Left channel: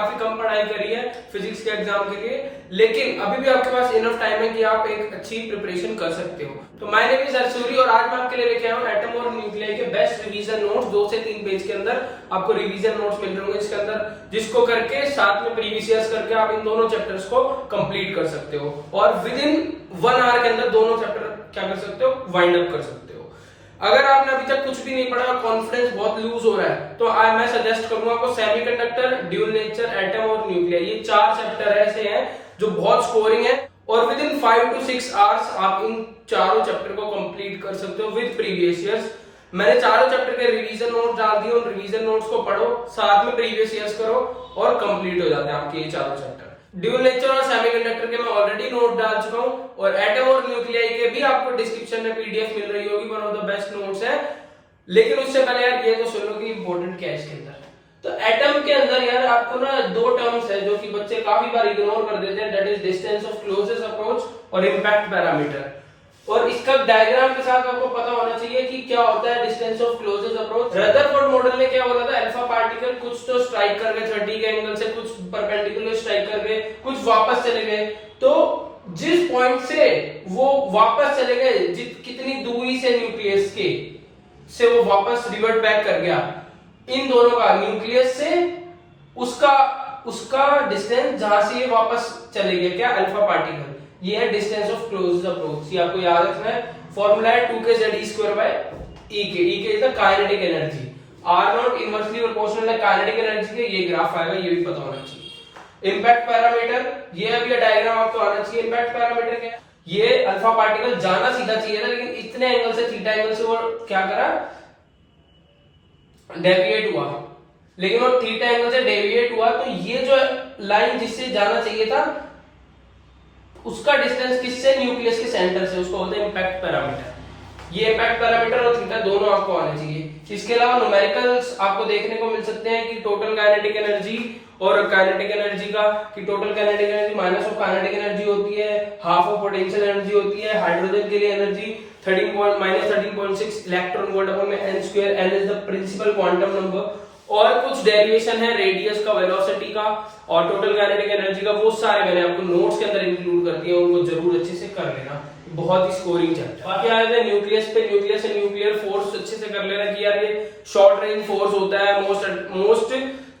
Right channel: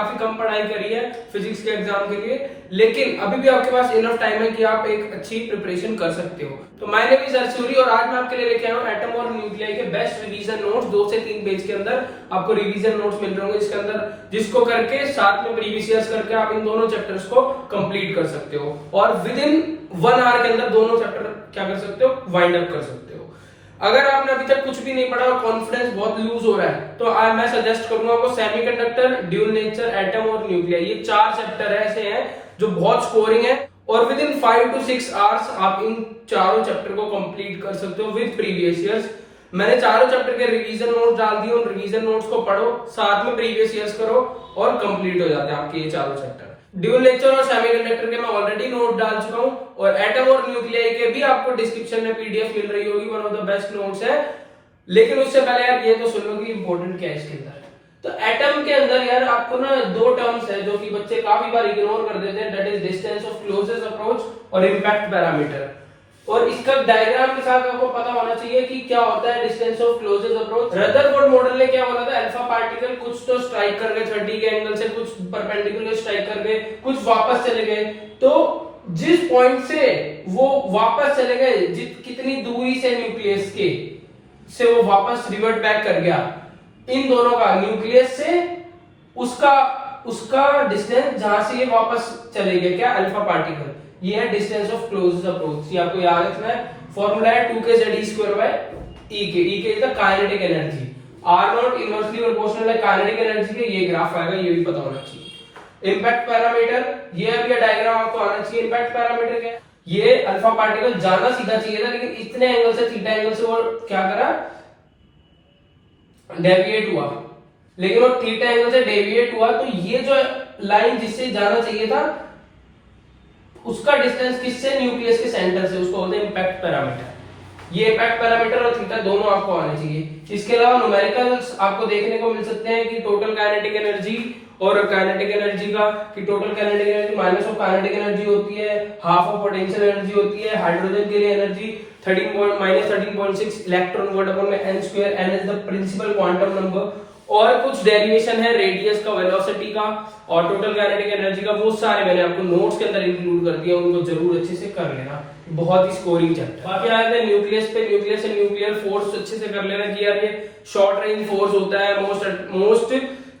काफी कम पढ़ाई करी है फिजिक्स के एग्जाम के लिए, लेकिन अभी भी आपके पास इनफ टाइम है कि आप एक अच्छी प्रिपरेशन कर सकते हो। तो मैंने भी सर सूरी और आज मैं आपके लिए लेके आया हूँ एटम और न्यूक्लियाई के बेस्ट रिवीजन नोट्स। 2 से 3 पेज के अंदर आपको रिवीजन नोट्स मिल रहे होंगे इसके अंदर, जिसको करके साथ में प्रीवियस ईयर्स करके आप इन दोनों चैप्टर्स को कंप्लीट कर सकते हो और विद इन 1 आवर के अंदर दोनों चैप्टर क्या कर सकते हो, वाइंड अप कर सकते हो। अगर आपने अभी तक कुछ भी नहीं पढ़ा और कॉन्फिडेंस बहुत लूज हो रहा है तो मैं सजेस्ट करूंगा आपको सेमीकंडक्टर, ड्यूल नेचर, एटम और न्यूक्लियाई, ये 4 चैप्टर ऐसे हैं जो बहुत स्कोरिंग है और विद इन 5 to 6 आवर्स आप इन चारों चैप्टर को कंप्लीट कर सकते हो विद प्रीवियस ईयर्स। मैंने चारों चैप्टर के रिवीजन नोट्स डाल दिए, उन रिवीजन नोट्स को पढ़ो, साथ में प्रीवियस ईयर्स करो और कंप्लीट हो जाते हैं आपके ये चारों चैप्टर। ड्यूल नेचर और सेमीकंडक्टर के मैं ऑलरेडी नोट डाल चुका हूं और एटम और न्यूक्लियाई के भी आपको डिस्क्रिप्शन में पीडीएफ मिल रही होगी, one of the best notes है। लेकिन उससे पहले यार ये तो सुन लो कि इंपॉर्टेंट क्या है इसके अंदर। तो एटम के अंदर यार आपको ना 2 टर्म्स है जो कि बच्चे काफी बार इग्नोर कर देते हैं, that is distance of closest approach और इंपैक्ट पैरामीटर। और इसका डायग्राम के साथ आपको पता होना चाहिए कि क्या होता है distance of closest approach. Rutherford model ने क्या बोला था, अल्फा पार्टिकल कुछ तो स्ट्राइक कर गए 30 के एंगल से, कुछ परपेंडिकुलर स्ट्राइक कर गए, कुछ वापस चले गए। तो जिस पॉइंट से वो वापस चले गए, कितनी दूरी से न्यूक्लियस के से वो वापस रिवर्ट बैक कर गया, इन दोनों का न्यूक्लियस से उसका डिस्टेंस जहां से ये वापस चले गए क्या, अल्फा पार्टिकल, ये है डिस्टेंस ऑफ क्लोजेस्ट अप्रोच। ये आपको याद रखना है। फॉर्मूला है 2kZe² बाय E के is the kinetic energy, R0 inversely proportional है काइनेटिक एनर्जी के, ये ग्राफ आएगा, ये भी पता होना चाहिए। इंपैक्ट पैरामीटर, ये अभी डायग्राम आपको आना चाहिए। इंपैक्ट पैरामीटर क्या है, ये अल्फा पार्टिकल जाना सीधा चाहिए था लेकिन इतने एंगल से, थीटा एंगल से वो क्या करा, डेविएट हुआ, लेकिन वो थीटा एंगल से डेविएट हुआ। तो ये जो लाइन जिससे जाना चाहिए था उसका डिस्टेंस किससे, न्यूक्लियस के सेंटर से, उसको बोलते हैं इंपैक्ट पैरामीटर। ये इंपैक्ट पैरामीटर और थीटा दोनों आपको आने चाहिए। इसके अलावा न्यूमेरिकल्स आपको देखने को मिल सकते हैं कि टोटल काइनेटिक एनर्जी और काइनेटिक एनर्जी का, कि total kinetic energy minus of kinetic energy होती है, हाफ ऑफ पोटेंशियल एनर्जी होती है। हाइड्रोजन के लिए एनर्जी -13.6 इलेक्ट्रॉन वोल्ट अपॉन में n², n is the principal quantum number. और कुछ डेरिवेशन है रेडियस का, वेलोसिटी का और टोटल काइनेटिक एनर्जी का, वो सारे मैंने आपको नोट्स के अंदर इंक्लूड कर दिया, उनको जरूर अच्छे से कर लेना, बहुत ही स्कोरिंग चैप्टर। बाकी आए थे न्यूक्लियस पे, न्यूक्लियस से न्यूक्लियर फोर्स अच्छे से कर लेना कि यार ये शॉर्ट रेंज फोर्स होता है, मोस्ट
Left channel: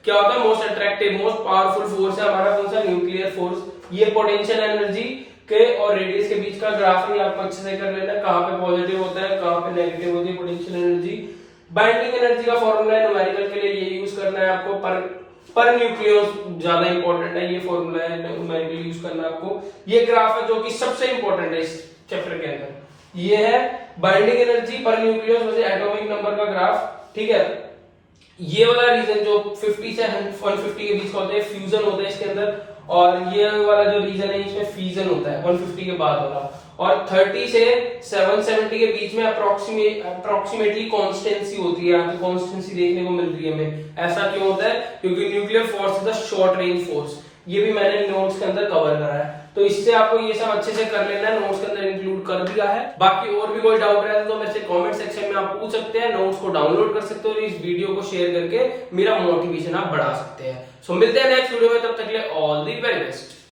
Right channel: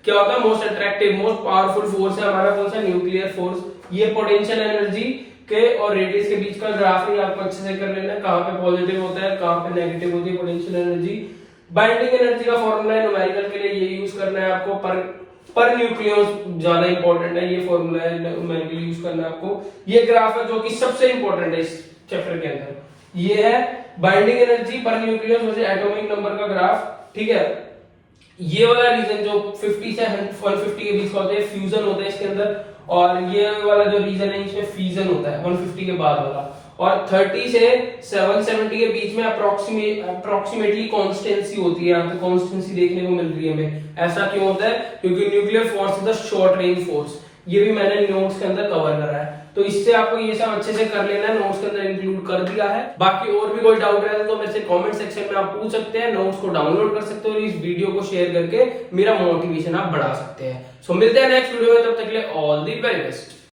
क्या होता है, most attractive, most powerful force है हमारा कौन सा, न्यूक्लियर फोर्स। ये पोटेंशियल एनर्जी के और रेडियस के बीच का ग्राफिंग आपको अच्छे से कर लेना, कहां पे पॉजिटिव होता है कहां पे नेगेटिव होती है पोटेंशियल एनर्जी। बाइंडिंग एनर्जी का फॉर्मूला है न्यूमेरिकल के लिए, ये यूज करना है आपको, पर न्यूक्लियस ज्यादा इंपॉर्टेंट है, ये फॉर्मूला है न्यूमेरिकल यूज करना है आपको। ये ग्राफ है जो कि सबसे इंपॉर्टेंट है इस चैप्टर के अंदर, ये है बाइंडिंग एनर्जी पर न्यूक्लियस वर्सेस एटॉमिक नंबर का ग्राफ, ठीक है। ये वाला रीजन जो 50 से 150 के बीच का होता है, फ्यूजन होता है इसके अंदर, और ये वाला जो रीजन है इसमें फिजन होता है 150 के बाद वाला, और 30 से 770 के बीच में अप्रोक्सीमेटली कांस्टेंसी होती है। यहाँ पे कांस्टेंसी देखने को मिल रही है हमें, ऐसा क्यों होता है, क्योंकि nuclear force is the short range force. ये भी मैंने नोट्स के अंदर कवर करा है, तो इससे आपको ये सब अच्छे से कर लेना है, नोट्स के अंदर इंक्लूड कर दिया है। बाकी और भी कोई डाउट रहता है तो मेरे से कमेंट सेक्शन में आप पूछ सकते हैं, नोट्स को डाउनलोड कर सकते हो और इस वीडियो को शेयर करके मेरा मोटिवेशन आप बढ़ा सकते हैं। सो मिलते हैं नेक्स्ट वीडियो में, तब तक के लिए ऑल द वेरी बेस्ट।